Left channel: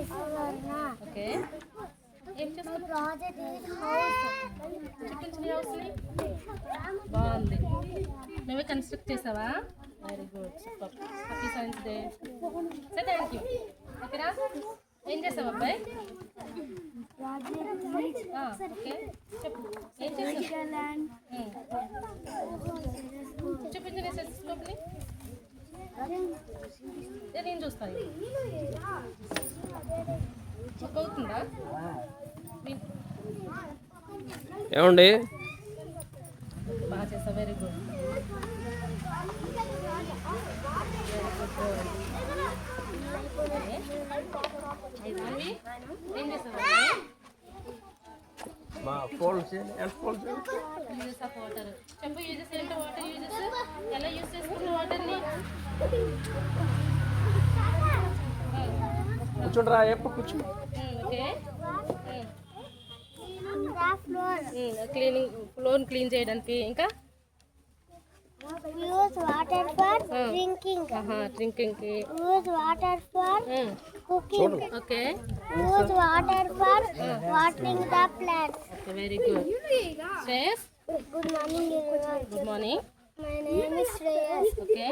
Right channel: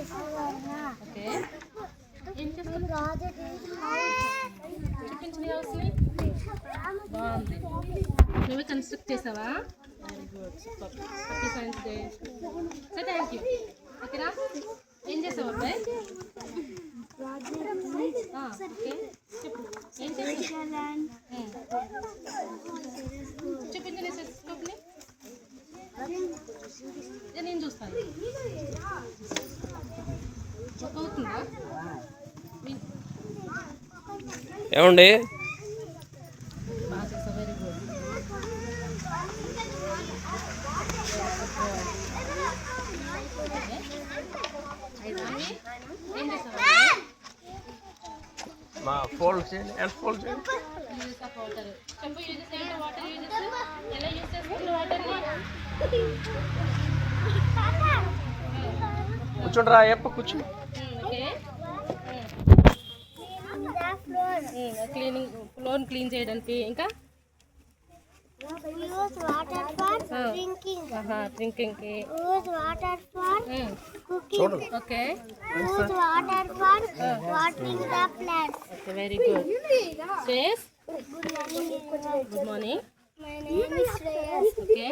Okay. ఏం చేస్తావు? చూపించిన హౌస్ని. బాగుంది. నువ్వే కన్స్ట్రక్ట్ చేసావా? Very good, super. Happy science day. Say thank you. ఓకేనా? ఏం చేసావు అబ్బాయి? ఓకే, చెప్పు. ఏం చేస్తావు? చూపించిన స్కోప్ని. నేను చూస్తాను. అవుతుందా? ఏమండి? బాగా చేసావు, వెరీ గుడ్. ఏం చేసావు? మా ఫోల్డ్ చేయండి, ఎంత ఫోల్డ్ చేయండి. యూజెస్ ఆఫ్ వాటర్ చెప్పు. యూజెస్ ఏంటో, వాటర్ యూజెస్ ఎలా యూజ్ చేసుకుంటారు వాటర్ని? కూర్చోండి రా, ఎప్ప కూర్చో. ఓకే. క్లీనింగ్, ఫ్లోర్ క్లీన్ చేయడానికి. ఇంకా use water for drinking. Drinking కి. Use water for cooking. చూడండి. Okay. Use water for watering the plants. Okay, very good. Shreyas, Good morning, everyone. Good morning. My name is Shreyas. Okay.